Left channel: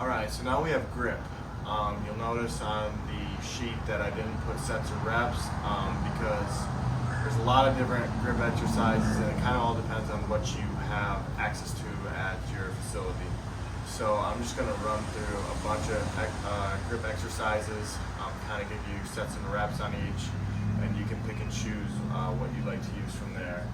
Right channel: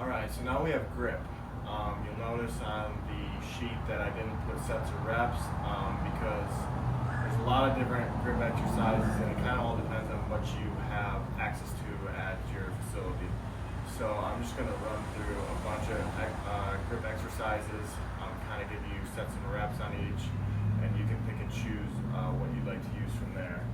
Alright, so now we have grip. You'll notice on the sheet that I didn't put sets or reps because there's a lot of different grip exercises and it kind of all depends on what you have access to at your facility. So I'm just going to run through a bunch of grip exercises, kind of give you sets and reps on each, and you can pick and choose what you'd like to use from there.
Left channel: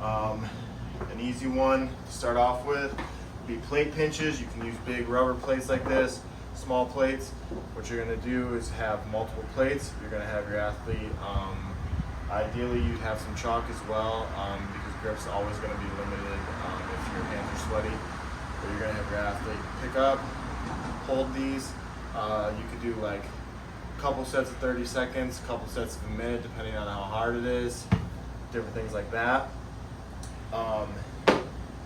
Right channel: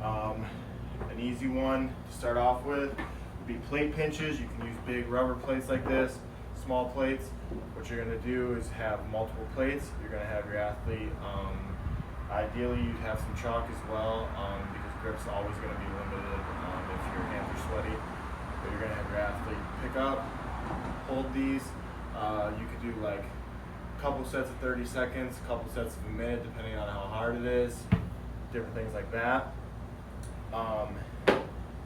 An easy one to start off with would be plate pinches. You can use big rubber plates like this, small plates. What you're going to do is have multiple plates. You're going to have your athlete, ideally you'd have some chalk as well because grip's always going to be limited if your hands are sweaty. But you're going to have your athlete pick up, hold these. You could do like a couple sets of 30 seconds, a couple sets of a minute, depending on how hard it is, different things like that.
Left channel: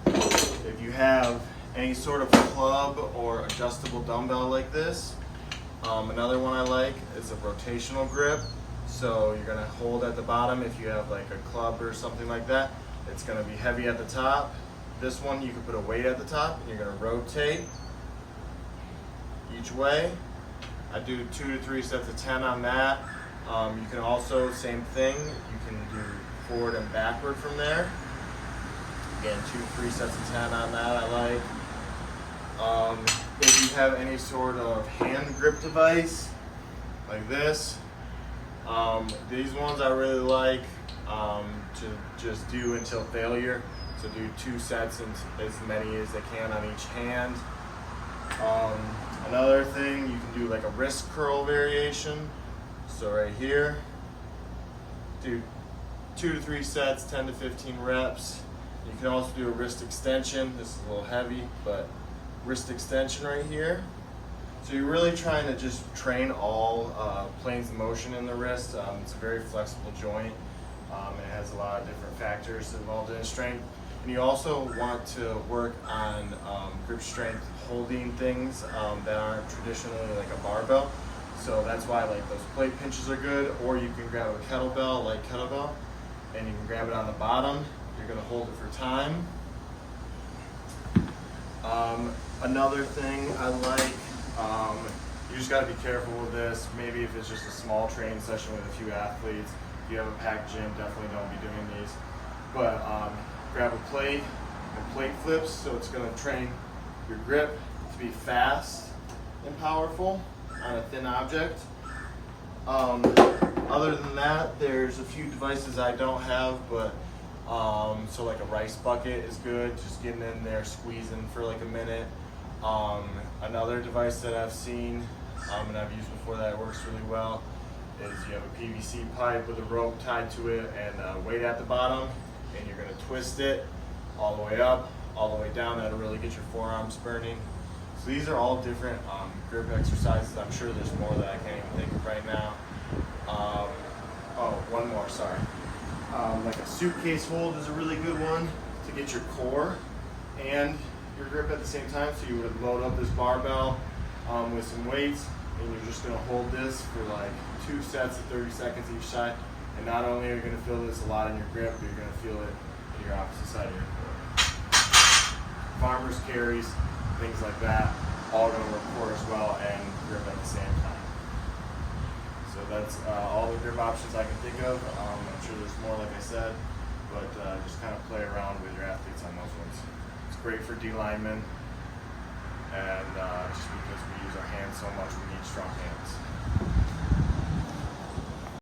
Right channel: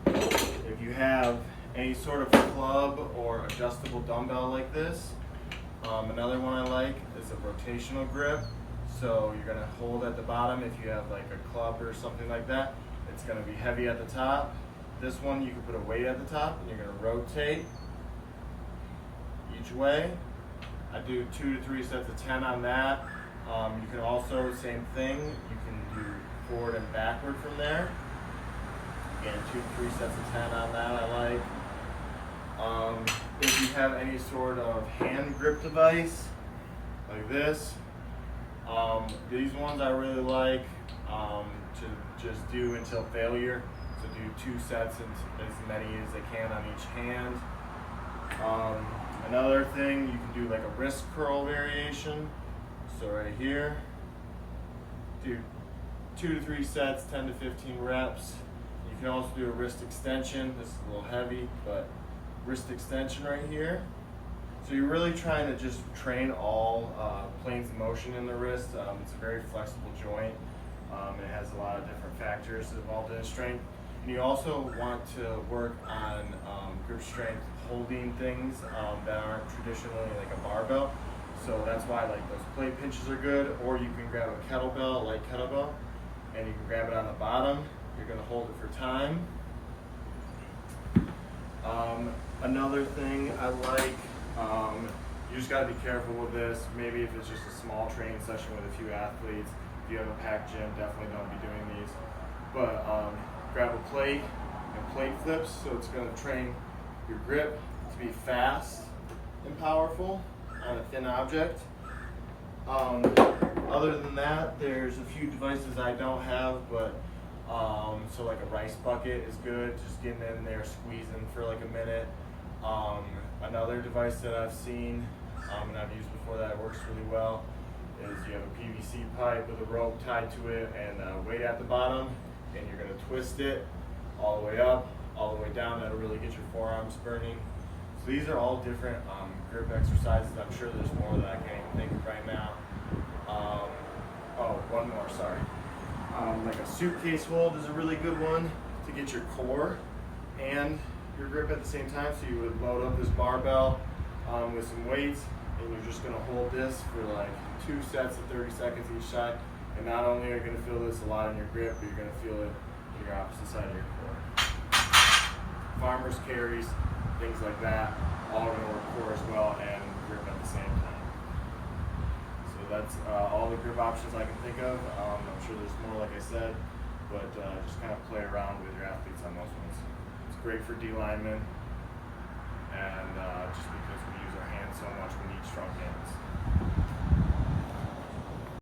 If you have any sort of club or adjustable dumbbell like this, another one I like is a rotational grip. So you're going to hold at the bottom if you have like a club or something like that. It's going to be heavy at the top. This one you can put a weight at the top and you're going to rotate each way. I do 2 to 3 sets of 10 on that. You can also, same thing, you can do forward and backward from there. Again, 2 to 3 sets of 10 on that I like. If you have any sort of hand grip device, like this, these ones I really like to just do until failure. So do 2 sets and as many as I can on each hand. Another thing, you can do like a wrist curl variation. So right here, do 2 to 3 sets, 10 to 15 reps. You can also do a wrist extension. This is a little heavy, but wrist extension right here. So you're really trying to just train all planes of motion in the wrist. It's a very flexible joint. It has a lot of different factors involved in its strength. And you also want to work on grip strength holding things that aren't traditionally like a barbell. So that's why like those plate pinches are good, or you can grab a kettlebell, light kettlebell, and you can grab it on the bottom. You're going to hold it for time. Another thing I like, you just got to be careful with this. Maybe if it's just a small training session with a few athletes. If you have a packed gym, definitely don't be doing these. But grab a plate and plate flips, so it's going to train your grip to be fast and powerful on a thin object. Other than that, there's a few devices I don't have, but so like a rice bucket is good, just getting in there, squeezing for like a minute. Another device that I've seen and I've used before that works really well is you have a PVC pipe with a rope tied to it and a weight at the bottom, and you're going to twist it all the way up, all the way down. That'll really get your forearms burning. So these are all different grip exercises. I'm sure there's more that I can't even think of right now. Oh, one more, sorry. Like a suitcase hold is a really good one to get your core and your grip at the same time. So you would load up this barbell with some weights, and you're just going to hold this for like 2 sets of 30 seconds each side. And not only are you going to feel this a lot in your grip, but you're going to feel it in your opposite side of your core. Farmers carries, things like that, all going to work core as well and grip at the same time. So that's all the grip options I can think of. I'm sure there's more, like I said, but just kind of play around with your athletes on those ones. It's great for D linemen, and just because we use our hands so much, we need strong hands.